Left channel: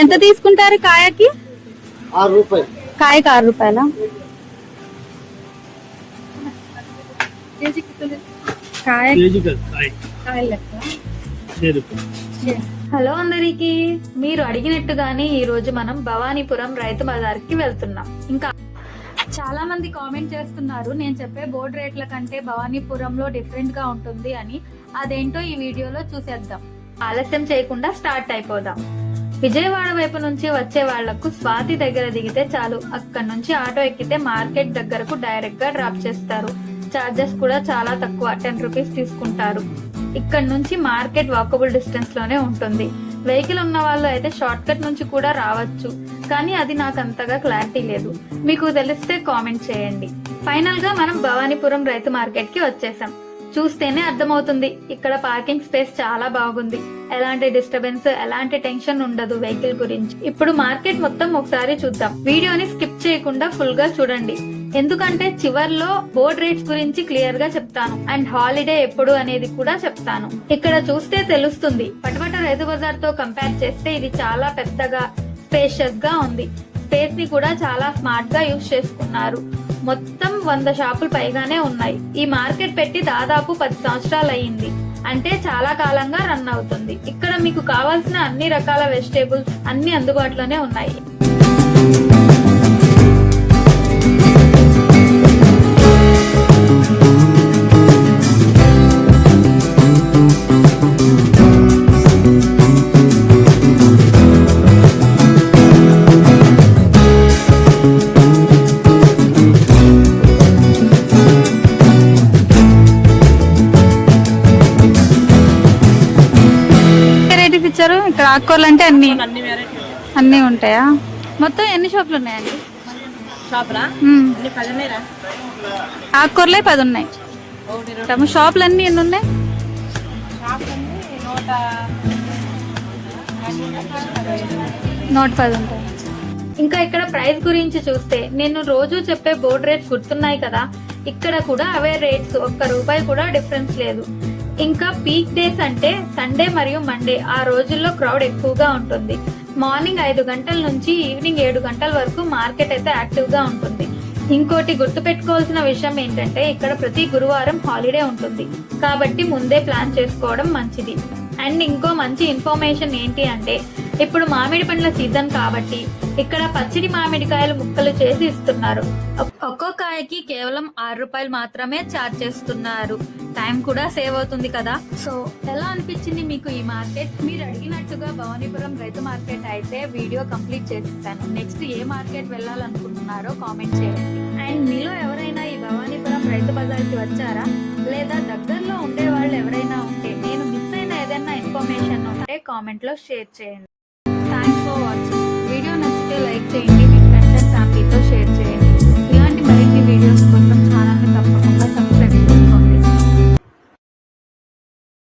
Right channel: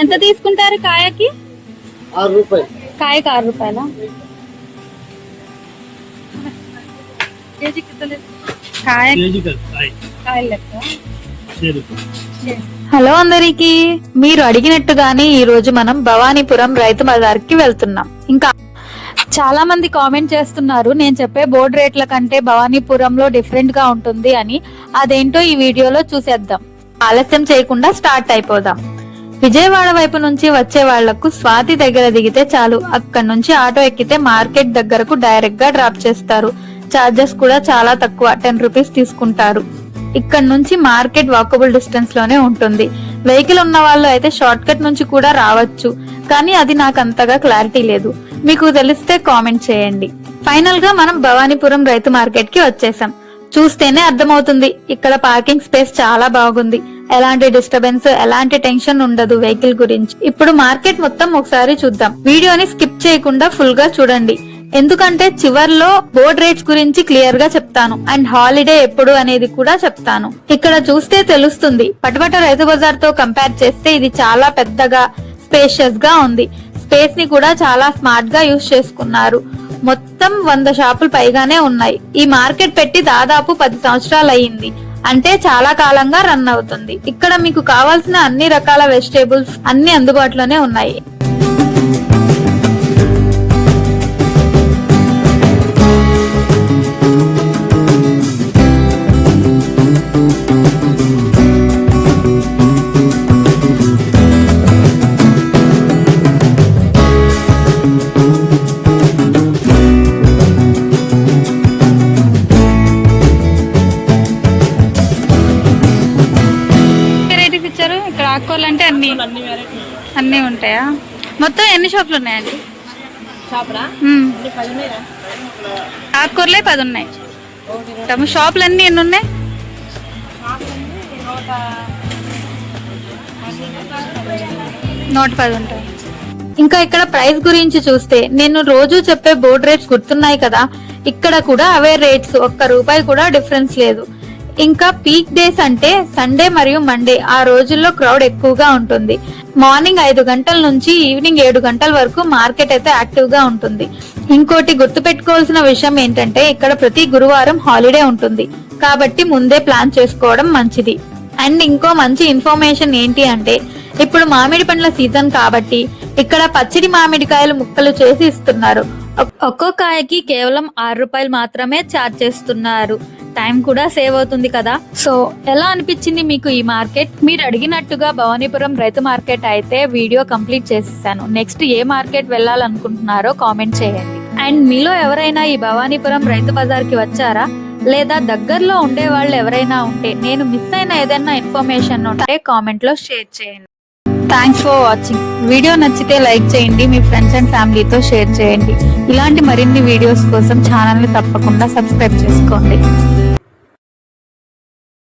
ఎంత తీసుకుంటారు కాయకి? 6 రూపాయలు. కాయకి 6 రూపాయల. హలో అందరికి, మీరు అడిగినట్టుగానే ఈ రోజు మనం భవానీపురం రైతు బజార్కి వెళ్తున్నాం. ఇంకా చాలా మంది కామెంట్ చేస్తున్నారు నేను చెప్పే బోర్డు రేట్ల కంటే భవానీపురంలో డిఫరెంట్ గా ఉంటుంది అని. అదేంటో ఈ వీడియోలో చూసేద్దాం. ఆలస్యం చేయకుండా స్టార్ట్ అయిపోదాం. విజయవాడ వైపు నుంచి వచ్చే వాళ్లకు స్వాతి దగ్గర దిగితే చాలు, అక్కడి నుంచి ఆటో ఎక్కితే మార్కెట్ దగ్గరకు డైరెక్ట్ గా డ్రాప్ చేస్తారు. చార్జెస్ కూడా చాలా తక్కువ, 10 రూపీస్ తీసుకుంటారు. ఇక్కడ నుంచి మార్కెట్ వాకబుల్ డిస్టెన్స్ లోనే ఉంటుంది. వెహికల్ ఉన్న వాళ్ళు అయితే షార్ట్ కట్ నుంచి కూడా రావచ్చు, కానీ అది నాకు అంతగా క్లారిటీ లేదు. మీకు తెలిస్తే కామెంట్ చేయండి. ఫైనల్ గా మనం భవానీపురం రైతు మార్కెట్ కి వచ్చేసాం. చూస్తేనే అర్థమవుతుంది, ఇక్కడ పార్కింగ్ స్పేస్ చాలా బాగుంది. ఎలాంటి డిస్టర్బెన్స్, ఎలాంటి టెన్షన్ ఉండదు వెహికల్ గురించి. ఇప్పుడు మార్కెట్ మొత్తం ఒకసారి చూద్దాం. వీడియోని స్కిప్ చేయకుండా ఫుల్ గా చూడండి, ఎందుకంటే చివర్లో బోర్డ్ రేట్స్ గురించి క్లియర్ గా చెప్తాను. అండ్ హాలిడే ఎప్పుడు అనేది కూడా చెప్తాను. ఇక్కడ చూస్తే తెలుస్తుంది, పటపట రైతు బజార్ తో కంపేర్ చేస్తే ఇది చాలా పెద్దగా స్పేషియస్ గా ఉంది. స్పేస్ ని కూడా చాలా స్మార్ట్ గా యూజ్ చేసుకున్నారు. మొత్తం 100 షాపులు పైగానే ఉన్నాయి. ఈ మార్కెట్ పెట్టి దాదాపు 10 సంవత్సరాలు అయ్యింది, అంటే చాలా కాలంగా రన్ అవుతుంది. ఇక్కడ మీకు కావాల్సిన అన్ని రకాల వెజిటేబుల్స్ అన్ని అందుబాటులోనే ఉన్నాయి. ఇక్కడ ఆకుకూరలు అంటే అన్ని ఉంటాయా? మొత్తం ఎన్ని షాపులు ఉన్నాయండి? ఆకుకూరలే 10 ఉన్నాయి. షాపులు అన్ని ఎన్ని ఉన్నాయి? 110 ఉంటాయి. ఇంకా ఇక్కడ ప్రైస్ గురించి చూస్తే, నేను రోజు చెప్పే బోర్డ్ రేట్స్ గుర్తున్నాయి కదా, ఇక్కడ కూడా అవే రేట్స్, ₹1 కూడా డిఫరెన్స్ లేదు. ఇంకా పీక్ డేస్ అంటే సండే మరియు మండే, ఆ రోజుల్లో క్రౌడ్ ఎక్కువగా ఉంటుంది. మార్నింగ్ 5 గంటల నుంచి ఈవినింగ్ 7 గంటల వరకు మార్కెట్ అయితే యాక్టివ్ గా ఉంటుంది. ఇంకోటి గుర్తు పెట్టుకోవాల్సిన విషయం ఏంటంటే, ఇక్కడ ప్రతి గురువారం హాలిడే ఉంటుంది, కాబట్టి ముందే ప్లాన్ చేసుకోవడం మంచిది. అండ్ ఇంకో మంచి ఇన్ఫర్మేషన్ ఏంటి అంటే, ఇప్పుడు మామిడి పండ్ల సీజన్ కాబట్టి ఇక్కడ పచ్చడి మామిడికాయలు ముక్కలు చేసి ఇస్తున్నారు. ఒక్కో కాయకి కేవలం ₹6 మాత్రమే ఛార్జ్ చేస్తున్నారు. టైం కూడా సేవ్ అవుతుంది కదా. సో ఎలా అనిపించింది మీకు ఈ మార్కెట్? మీరు అడిగినట్టుగా భవానీపురం రైతు మార్కెట్ అయితే వీడియో కంప్లీట్ చేసేసాను. నెక్స్ట్ ఏ మార్కెట్ వెళ్ళాలనుకుంటున్నారో కామెంట్ చేయండి. అండ్ మీలో ఎవరైనా ఈ భవానీపురం రైతు బజార్ కి వచ్చారా, లేదా దగ్గరలో ఉండే వాళ్ళు ఎవరైనా ఉంటే, నేను మిస్ అయిన ఏదైనా ఇన్ఫర్మేషన్ ఉంటే కామెంట్ లో షేర్ చేయండి. Thanks for watching. వీడియో నచ్చితే లైక్ చేయండి, మీ ఫ్రెండ్స్ అండ్ ఫ్యామిలీతో షేర్ చేయండి. ఇలాంటి మరిన్ని వీడియోస్ కోసం ఛానల్ ని తప్పకుండా సబ్స్క్రైబ్ చేసుకోండి.